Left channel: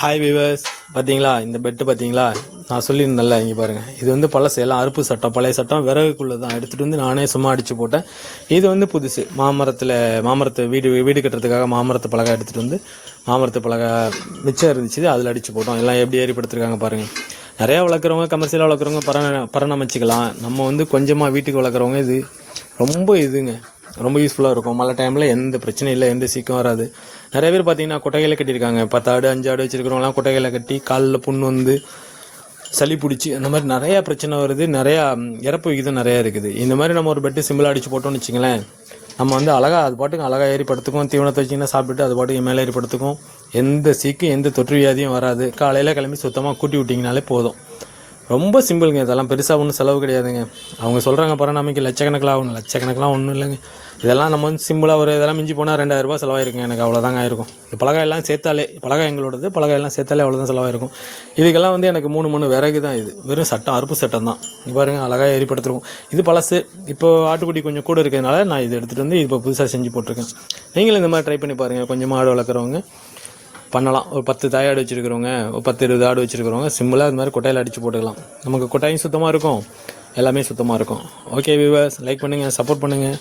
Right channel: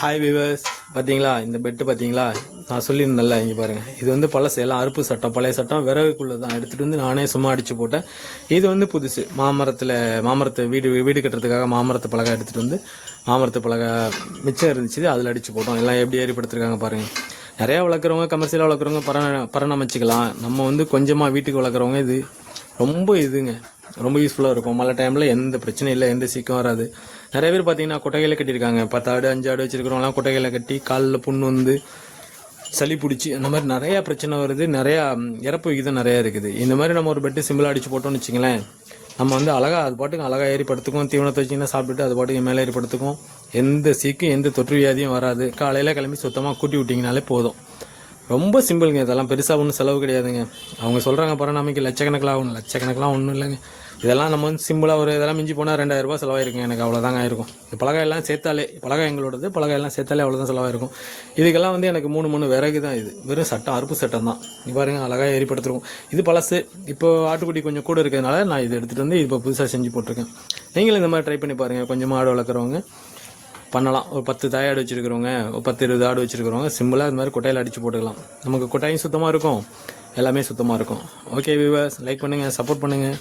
Hi viewers, பார்த்தீங்களா இந்த bed பார்த்தீங்களா? நான் சொல்லியிருந்தேன்ல, இங்கே பாருங்கள். இது வந்து பழசு, எல்லாம் அறுப்பு சட்டம், பழைய சட்டம், விறகுக்குள்ளே தான் எடுத்துகிட்டு வந்து நானே சும்மா அடித்து போட்டேன். இது வந்து புதுசு, மாமரத்தை வீடு கட்டுறதுக்காக மாமரத்து பலகை எடுத்துகிட்டு வந்து மாமரத்து பலகை மிச்சம் இருந்துச்சு, அதில் அடித்து போட்டோம். எல்லாம் எப்படி ஏற்படுத்திருக்காங்க பாருங்கள். நிறையா வளர்க்குறவங்க, கமர்ஷியலாக வளர்க்குறவங்க பராமரிச்சிக்கலாம். நம்ம வந்து கொஞ்சமாக வீட்டுக்கு வளர்க்குறவங்க இது ரொம்ப ரொம்ப யூஸ்ஃபுல்லாக இருக்கும். மழை டைமில் எந்த பிரச்சனையும் இல்லை, எந்த சீக்கம் வராது. நிறைய பேர் பார்த்தீங்கன்னா கொட்டைகளை கட்டியிருக்காங்க. 10 ஆடு 5 ஆடு வச்சுருக்கிறவங்களாம் கொட்டைகளை கட்டி காலில் புண்ணு வந்து சளி பிடிச்சி அந்த மாதிரி நிறையா பிரச்சனை வருது. நிறையா இறப்பு விகிதம் நிறையா இருக்குது. இந்த மாதிரி நம்ம ஒரு பெட்டு சிம்பிளாக அடித்து போட்டோம்னு வச்சுங்களேன், நம்ம வந்து அது பாட்டுக்கு அழகாக ஏறி படுத்துக்கும். தீவனத்தை வச்சிங்கன்னா சாப்பிட்டுட்டு அது பாட்டுக்கு மேலே ஏறி படுத்துக்கும். எந்த சீக்கு எந்த தொற்று வியாதியும் வராது. காலையில் கிளம்பி சுத்தமாக கூட்டி விட்டிங்கனாலே போதும். ரொம்ப சிம்பிளுங்க. இதெல்லாம் பெருசாக ஒன்றும் செலவு கிடையாதுங்க. அவங்க சொல்கிறாங்க பராமரிக்க லட்சக்கணக்கில் ஆகணும். லட்சக்கணக்கெலாம் ஒன்றும் இல்லைங்க. இதெல்லாம் நம்ம வந்து சிம்பிளாக இதெல்லாம் மிஞ்சி போனால் 2000 ரூபா செலவாயிருக்கும். எனக்கு அவ்வளோதாங்க ஆயிருக்கும். பலகையெல்லாம் சேர்த்தாலே, பலகை எங்களோடது, பலகையெல்லாம் சேர்த்தாலே அவ்வளோதான் செலவாயிருக்கும். இதுக்கெல்லாம் வந்து எனக்கு 3 விறகு தான். இது வெறும் சட்டம், அறுப்பு சட்டம் தான். பாருங்க, அழகாக ஏறிப்படுத்திருக்கும். இது பழசு. இப்போ ஆட்டுக்குட்டி கொஞ்சம் கூட இருக்கிறதுனால நான் இது எடுத்துகிட்டு வந்து இப்போ புதுசாக செஞ்சு போட்டிருக்கேன். நீங்களும் இந்த மாதிரி ட்ரை பண்ணி பாருங்கள். கொஞ்சம் ஆடு வளர்க்குறவங்க பண்ணலாம். ஒரு 10 தாயாடு வச்சுருக்கிறவங்க, ஒரு 10-20 ஆடு வச்சுருக்கிறவங்க சிம்பிளாக இது மாதிரி கொட்டையில் அடித்து போட்டுக்கலாம். நமக்கு கொட்டாயும் சுத்தமாக இருக்கும், எல்லாமே சுத்தமாக இருக்கும். ஓகே வியூவர்ஸ், லைக் பண்ணுங்கள், சப்போர்ட் பண்ணுங்கள்.